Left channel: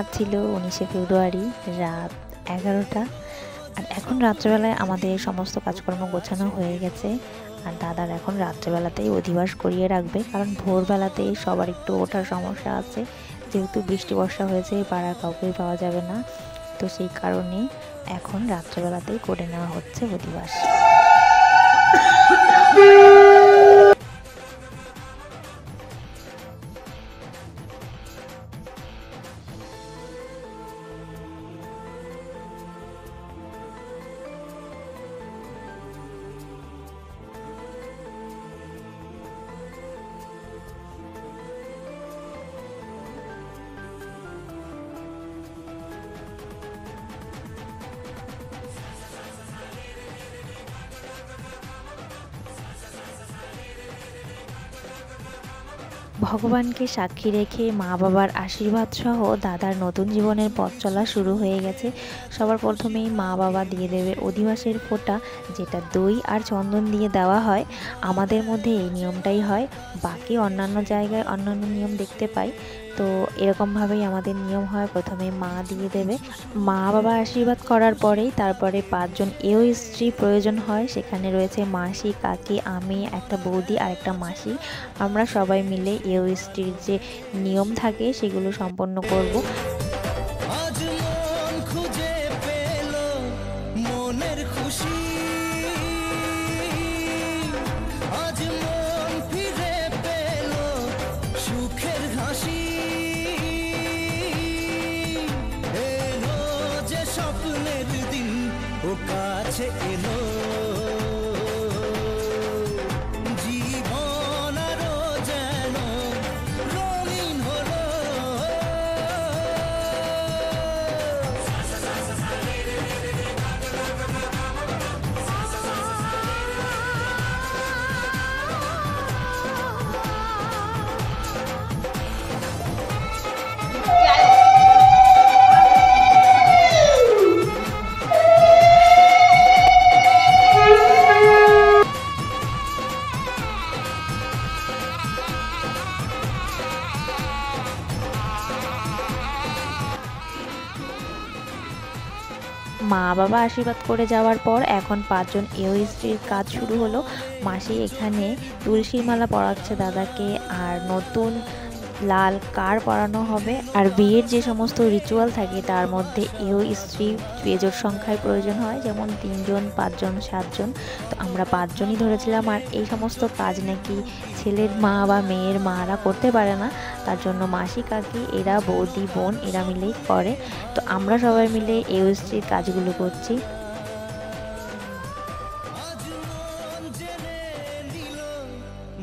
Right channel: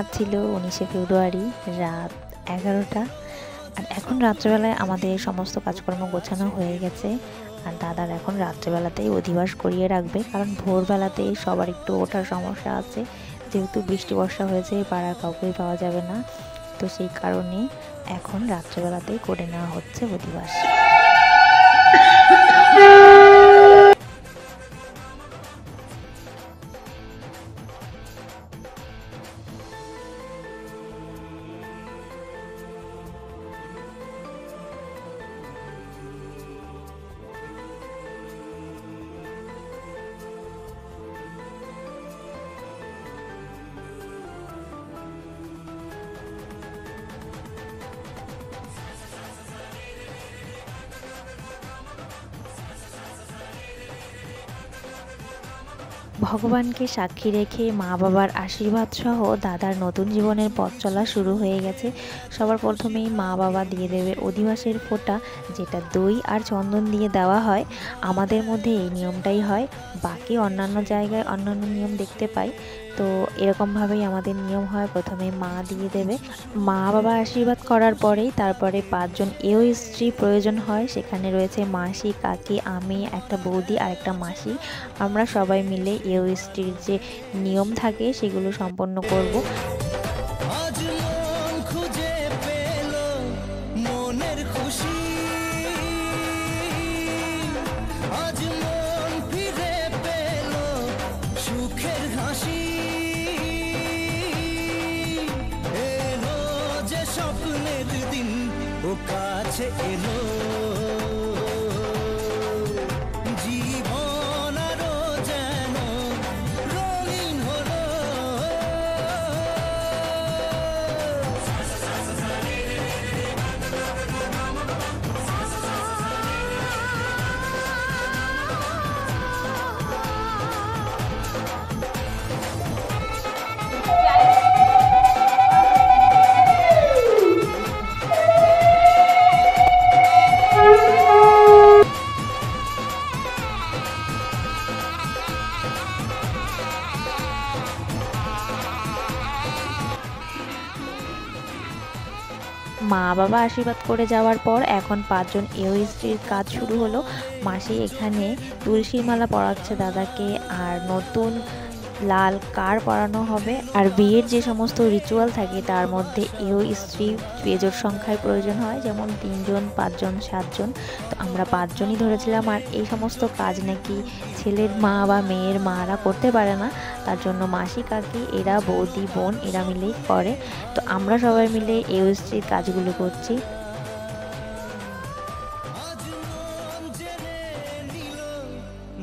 আজ ছিল 19শে ফেব্রুয়ারি, রাত 11টা। আর এখন রাত্রেবেলায় আমাদের সমস্ত কাজকর্ম গোছানো হয়ে গেছে। আর দাদার এখন রাত্রেবেলাতেই অধিবাস করিয়ে রাখবে, কারণ ভোরবেলাতে সবার একটু ওঠার সমস্যা আছে, যেহেতু বৃষ্টি বর্ষা হয়েছে, পাড়ার কাউকেই পাওয়া যাবে না। তো সেই কারণে এখন রাত্রেবেলাতেই করে নেওয়া হচ্ছে অধিবাস। ভগবানকে সাক্ষী রেখে মা বাবার আশীর্বাদ সহ দাদার নতুন জীবনের পথ চলা শুরু হয়ে গেছে। সবার প্রথমেই মা বাবা দিয়ে দেবে অধিবাসের ফোঁটা, যেটা দই আর চন্দন দিয়ে দেওয়া হয়। আমাদের মধ্যে এই নিয়মটাই হয়, বাকি অন্যান্য জায়গায় অন্যান্য নিয়ম দেখতে পাই। তো এরকমভাবেই আমাদের নিয়ম হয়, প্রথমে মা দিয়ে দেবে। মা বাবা আশীর্বাদ করার পরেই তারপরে 5 জন এও স্ত্রী প্রয়োজন হয়। সেখানে রয়েছে মাসি, কাকি, আমি, একটা বৌদি আর একটা মাসি। আমরা সবাই মিলে এও স্ত্রীর যে নিয়ম থাকে সেগুলো সম্পন্ন করব। আজ মন খুঁজে পেল মনের খুশি, আজ মন ফিরে পেল সুখের হাসি। এলো যে স্বপ্নের দিন, ও কাছে এলো জীবন আরো যেন রঙিন হলো। মা বাবা আশীর্বাদ করে যাওয়ার পর এখন 5 জন এও স্ত্রীর কাজ শুরু হলো। মাসি এখানে তুলসীর মালা পরাচ্ছে দাদাকে, আর নতুন লাল কার পরানো হবে। আর বিয়ের যে সমস্ত রিচুয়াল থাকে তার মধ্যে এও স্ত্রী বেজোড় সংখ্যায় প্রয়োজন হয়, যেমন 3 জন, 5 জন, 7 জন। তো আমরা 5 জনই ধরেছিলাম। আর এই সমস্ত কাজ নাকি ছেলের মা বা মেয়ের মারা করতে পারে না, তার জন্য মাসি, কাকি, এরা, বৌদি, বোন, এরা মিলেই করে। তো আমরা সবাই মিলে এও স্ত্রীর কাজগুলো করছি। আজ মন জেনে নিল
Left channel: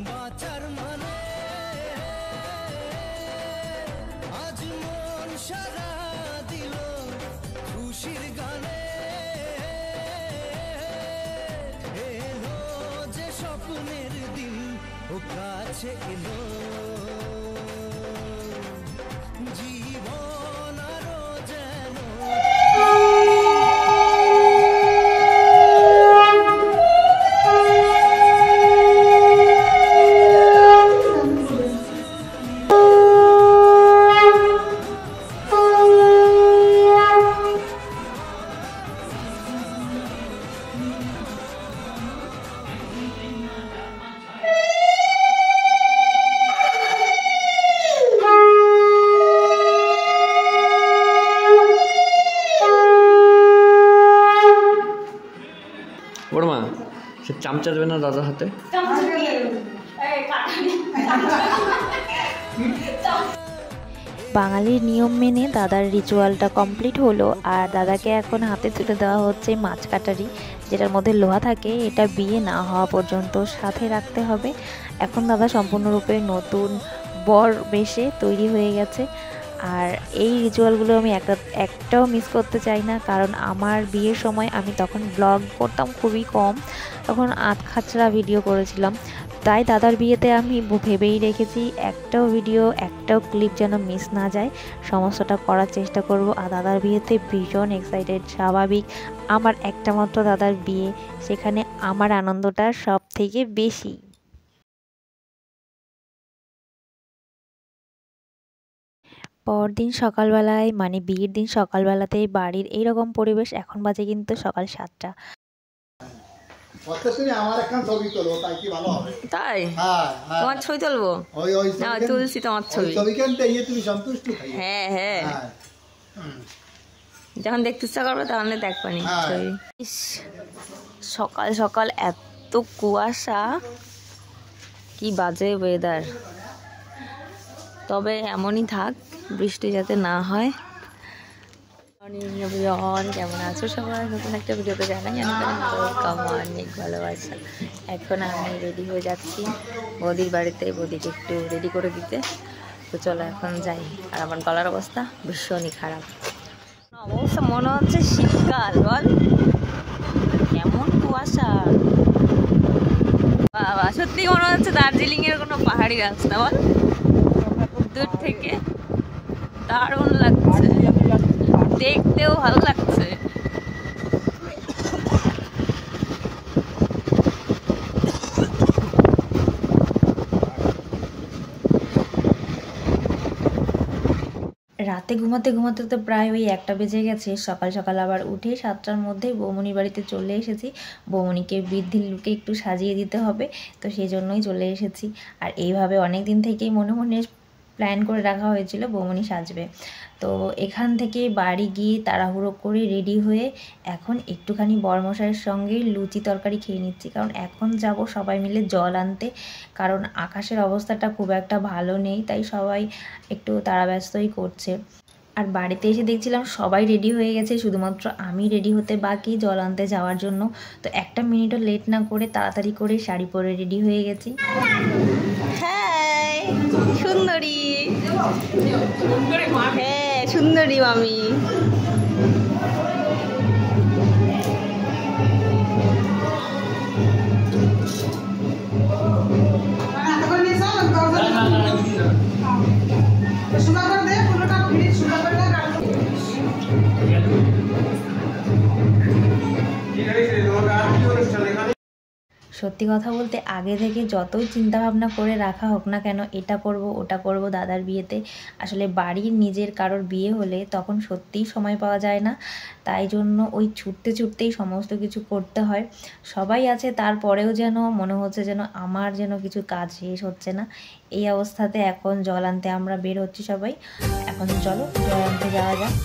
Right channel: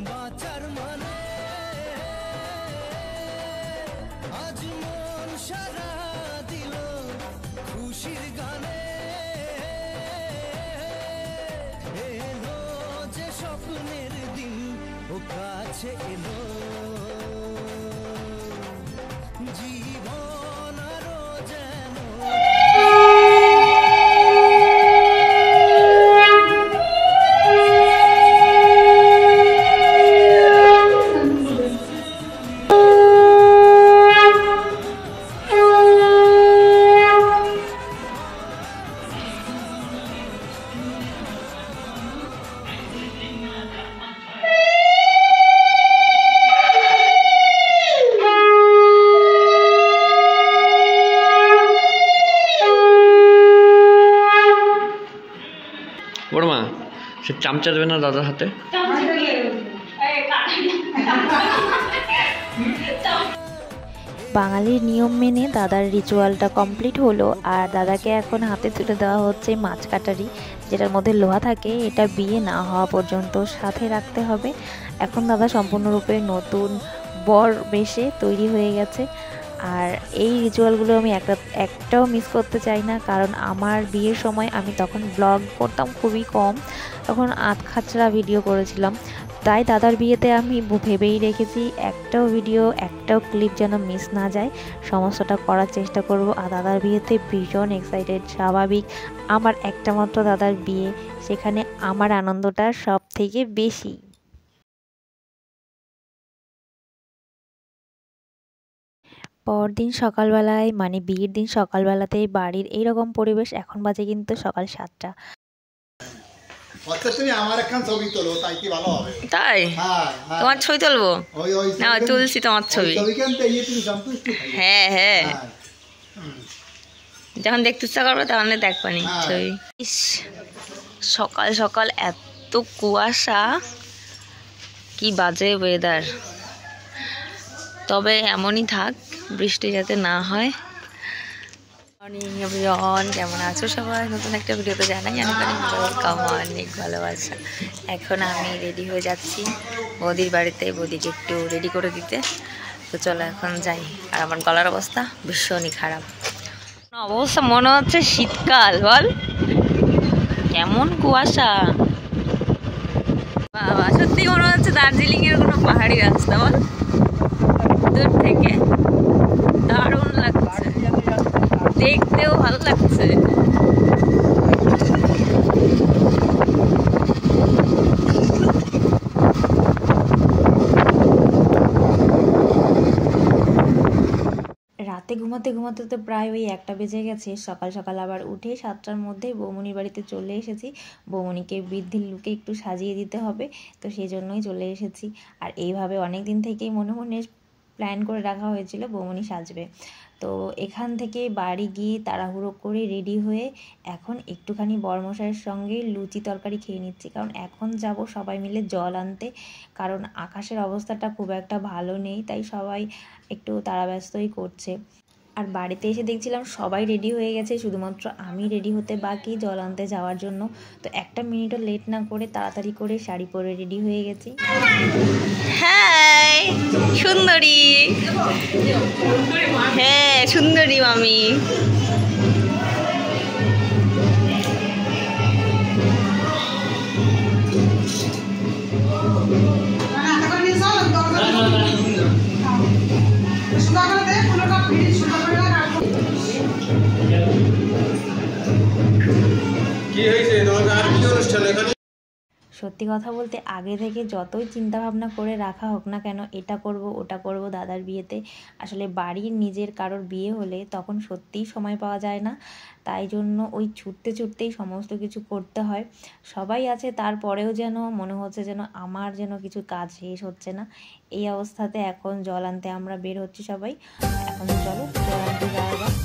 বাঁচার মানে, আজ মন সারা দিল খুশির গানে। এলো যে স্বপ্নের দিন, ও কাছে এলো জীবন আরো যেন। বড় মা, সে চামচা দেবে না দাদার হাতে? বাঙালির নিয়ম মেনে দাদার রিচুয়ালটা কমপ্লিট হলো। আর দাদাকে এখন হাতে তুলে দেওয়া হচ্ছে মাছ কাটারি, যেটার মধ্যে লোহা থাকে। এটা বিয়ে না হওয়া পর্যন্ত সাথে রাখতে হবে। এখন দাদা সম্পূর্ণরূপে নতুন বর বেশে তৈরি হয়ে গেছে। আর এই রিচুয়ালগুলো আমি একটাও মিস করতে চাই না, কারণ আমার বিয়ের সময় আমি তখন ব্লগ করতাম খুবই কম, তখন আধখাচড়া ভিডিও করেছিলাম। তাই দাদার বিয়েতে আমি ভেবেই রেখেছি একটাও ভিডিও, একটাও ক্লিপ যেন মিস না যায়, সমস্তটা করার চেষ্টা করব। আর দাদার বিয়েতে ভীষণ এক্সাইটেড, স্বাভাবিক। আমার একটা মাত্র দাদার বিয়ে, সেখানে আমার আনন্দটা সব থেকে বেশি। পরদিন সকালবেলায় মানে বিয়ের দিন সকালবেলাতেই বাড়ির এইরকম পরিবেশ। এখন বাজে কিন্তু সকাল 7টা। তুমি আমার একখান ছবি তোলো, তাই কি ভালো হবে? তাই হ্যাঁ, হ্যাঁ। তোমার ছবি তুলবো ওই ওই না তুলছি তোমার ছবি। ছবিখান পেয়ে তুমি সন্তুষ্ট থাকবে। হ্যাঁ হ্যাঁ হ্যাঁ। হুম। যখন দেখতে ইচ্ছা করবে তখন দেখবানি হ্যাঁ। ছবি। ইস, সকাল সকাল এত কুয়াশা, কি বাজে ওয়েদার। তবে এমনই থাক, বৃষ্টি যাতে না হয়। মর্নিং এভরিওয়ান, কেমন আছো সবাই? নতুন একটা ভিডিওতে জানাই অনেক অনেক ওয়েলকাম, অনেক ভালোবাসা। এখন আমি রেডি হয়ে যাচ্ছি বৌদির বাড়িতে, বৌদিকে একটু রেডি করে দিতে। তো চলো এখন যাই। আর আমার গলার অবস্থা ভীষণই খারাপ অবস্থা, মনে হচ্ছে শীতকাল। বল কেমন কুয়াশা, বাবা সত্যি মনে হচ্ছে দার্জিলিং এর কোনো পাহাড়ি রাস্তা। বল দূর থেকে দারুণ লাগছে, দেখতেও ভালো লাগছে। রাতে ঘুমাতে ঘুমাতে তো প্রায় ওই 1টা বেজে গেছে। সকাল সকাল আবার উঠে 7টার মধ্যেই বৌমনির বাড়িতে চলে এসেছি। বৌমনিকে বৃদ্ধির লুকে একটু সাজিয়ে দিতে হবে, তো সেই জন্যই চলে এসেছি। আর এইভাবে অনেক দিন থেকেই মনে মনে প্ল্যান করে রাখা হয়েছিল বৌমনি সাজবে। তো এখান থেকে বাড়ি গিয়ে তাড়াহুড়ো করে রেডি হয়ে এখন একটুখানি বরমশাইয়ের সঙ্গে লুচি তরকারি খেয়ে নিচ্ছি, কারণ এখন যাব সবাই মিলে জল আনতে। কারণ আকাশের অবস্থাটা খুব একটা ভালো নেই, তাই সবাই একটু তাড়াব্যস্তই করছে। আর বাড়িতে এসে দেখছিলাম সবাই রেডি হয়ে গেছে, শুধুমাত্র আমি রেডি হতে বাকি জল আনতে যাওয়ার জন্য। তো একটা মিনিটও লেট না করে তাড়াতাড়ি করে শাড়ি পরে রেডি হয়ে গেছি। হ্যাঁ সুন্দরী, হ্যাঁ সুন্দরী মামি। সত্যি কথা বলতে আগে থেকে যতই চিন্তা ভাবনা করে রাখা হোক না কেন, এটা করব ওটা করব দাদার বিয়েতে, আসলে বাড়ির নিজের কারোর বিয়ে হলে তখন সত্যিই সময় পাওয়া যায় না। তাই জন্য ওই ছুটতে ছুটতেই সমস্ত কিছু করতে হয়। সবাই আছে, তারপরেও যেন মনে হচ্ছে যেন আমার যেন কিছু কাজ শেষ হচ্ছে না। এই অবস্থাতে এখন জল আনতে আমরা বের হচ্ছি সবাই। এখন চলো জল আনতে যাওয়া যাক।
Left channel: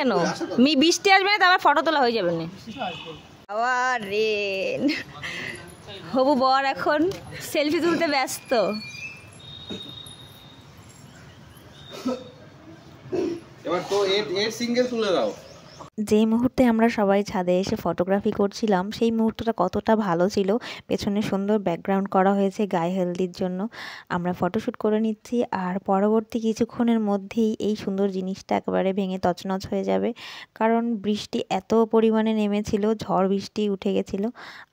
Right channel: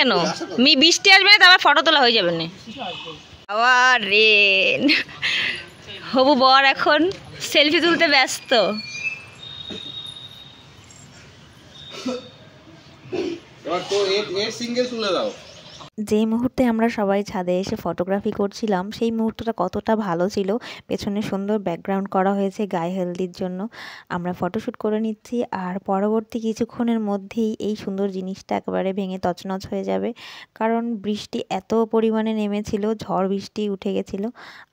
কেন? বৃষ্টি আসবে না, তারপর ফটো তোলা হয়ে যাবে না। আবার রেন। হবু বর এখন সেলফি তুলতে ব্যস্ত। এবার তো এর সিঙ্গেল তুলে দাও। যে মুহূর্তে আমরা সবাই ছাদে এসে ফটোগ্রাফি করছিলাম সেই মুহূর্তটা কতটা ভালো ছিল। পেছনে সুন্দর ব্যাকগ্রাউন্ড করা হয়েছে গায়ে হলদির জন্য। আমরা ফটোশ্যুট করে নিচ্ছি, আর পরবর্তী কিছুক্ষণের মধ্যেই এই সুন্দর জিনিসটা একেবারে ভেঙে তছনছ হয়ে যাবে, কারণ বৃষ্টি এত পরিমাণে নেমেছিল, ঝড় বৃষ্টি উঠে গেছিলো,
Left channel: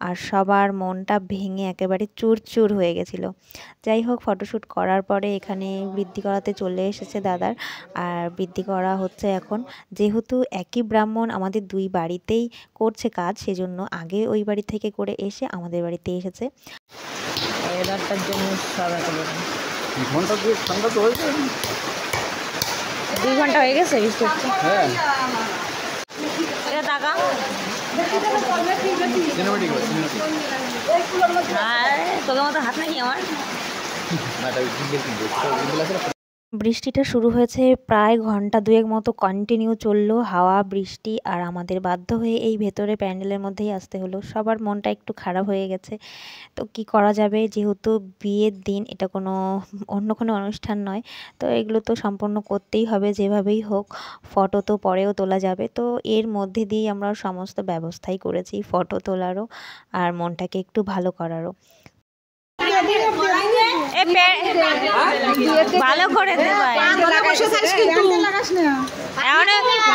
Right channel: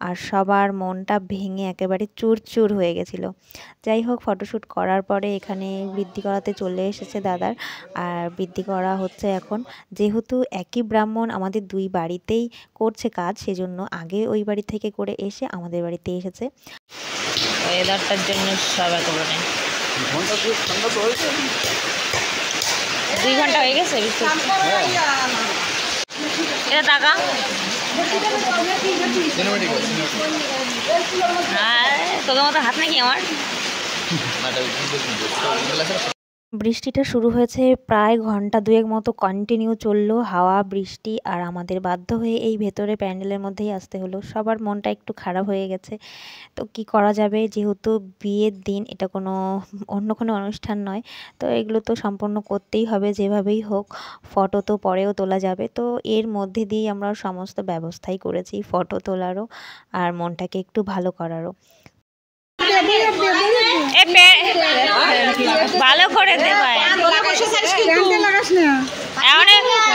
আর সবার মনটা ভেঙে একেবারে চুরচুর হয়ে গেছিলো। যাই হোক, ফটোশ্যুট করার পরে এখানে বৃদ্ধি করাতে চলে এসেছে দাদার, আর বৃদ্ধি করা হচ্ছে এখন। যেহেতু একই ব্রাহ্মণ আমাদের দুই বাড়িতেই করছে কাজ, সেজন্য আগে ওই বাড়ি থেকে করে এসে আমাদের বাড়িতে এসেছে। ওয়েদারটার জন্য সব একেবারে 2 ঘন্টা হয়ে গেছে বৃষ্টি হচ্ছে। এটা টাকা তোদের মতো হাত নাকি আমার? বৃষ্টিটা শুরু হয়েছে প্রায় ঘন্টা 2 মতো কন্টিনিউ চললো, হাওয়া বৃষ্টি, আর আমাদের বাধ্য হয়ে এই ভেতরে প্যান্ডেলের মধ্যেই আসতে হলো। সবার মনটা একটু খারাপ হয়ে গেছে, তো কি করা যাবে, যেহেতু বিয়ের দিন, এটা অন্য কোনো অনুষ্ঠান নয়, তো এগুলো তো সম্পন্ন করতেই হবে যেভাবেই হোক। ফটো তো পরেও তোলা যাবে, তো এর মধ্যে দিয়েই আমরা সমস্ত ব্যবস্থাই করেছি ফটো তোলারও আর মনটাকে একটু ভালো করারও। ভালো করে দে ভাই, এমন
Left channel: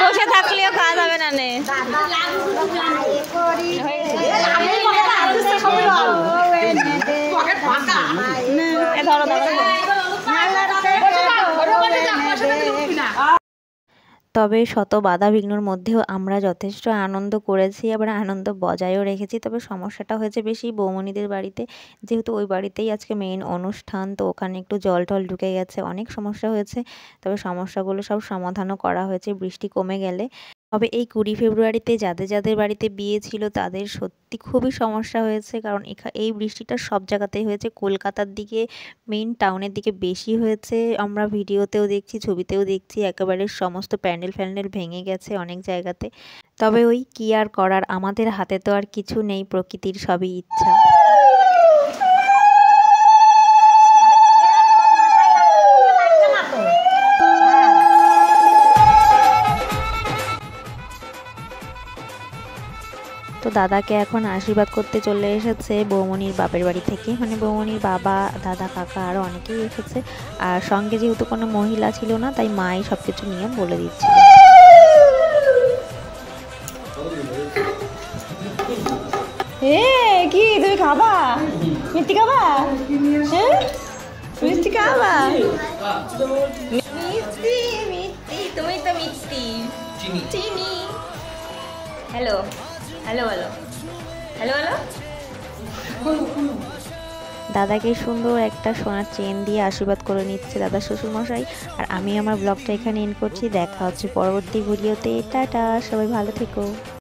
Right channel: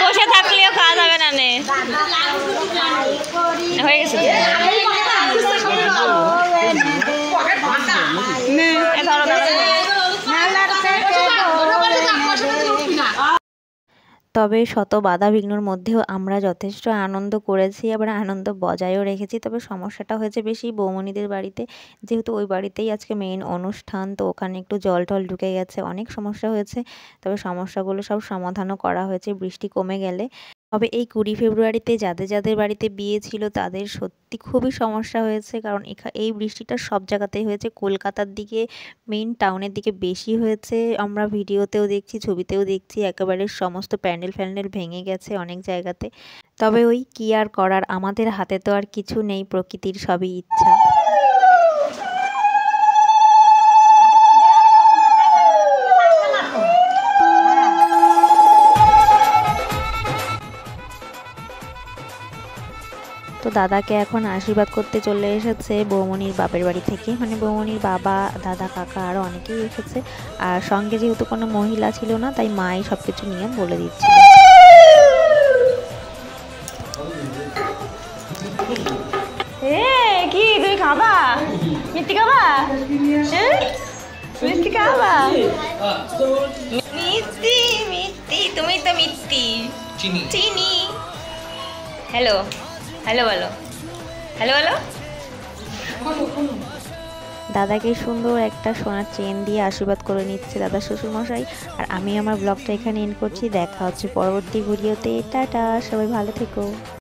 বসে থাকলেও খাওয়া যাবে না। হয়ে গেছে তবে শত বাধা বিঘ্নর মধ্যেও আমরা যথেষ্ট আনন্দ করেছি, আবার আনন্দ বজায়ও রেখেছি। তবে সমস্যাটা হয়েছে বেশি বৌমনিদের বাড়িতে, যেহেতু ওই বাড়িতেই আজকে মেইন অনুষ্ঠান, তো ওখানে একটু জল টল ঢুকে গেছে, অনেক সমস্যা হয়েছে। তবে সমস্যাগুলো সব সমাধানও করা হয়েছে বৃষ্টি কমে গেলে। তবে এই 20 ফেব্রুয়ারিতে যাদের যাদের বাড়িতে বিয়ে ছিল তাদের সত্যি খুবই সমস্যা হয়েছে, কারণ এই বৃষ্টিটা সব জায়গাতেই হয়েছে। কলকাতার দিকে, মেইন টাউনের দিকে বেশি হয়েছে, আমরা ভিডিওতেও দেখছি, ছবিতেও দেখছি, একেবারে সমস্ত প্যান্ডেল ফ্যান্ডেল ভেঙে গেছে অনেক জায়গাতে। তবে ওই কি আর করার, আমাদের হাতে তো আর কিছু নেই, প্রকৃতির সবই ইচ্ছা। তো দাদাকে এখন আশীর্বাদ করতে চলে এসেছে বৌমনির বাপের বাড়ি থেকে, মানে বৌমনির বাবা, দাদা, কাকা আরও অনেকেই এসেছে। আর সঙ্গে যেহেতু কোনো মহিলা ছিল না, তাই মাই সব কিছু নিয়ম বলে দিচ্ছিল। কি তুমি খাবা? মিষ্টি খাবা? মিষ্টি খাবা? মিষ্টি মিষ্টি, তুমি তো মিষ্টি। চিনি। হ্যালো হ্যালো বলো, হ্যালো বলো। দাদাকে সুন্দর একটা সোনার চেন দিয়ে আশীর্বাদ করে নিচ্ছে দাদা শ্বশুরমশাই। আর আমি আমার ব্লগটা এখানে এন্ড করছি। দেখা হচ্ছে পরবর্তী ভিডিওতে। টাটা, সবাই ভালো থেকো।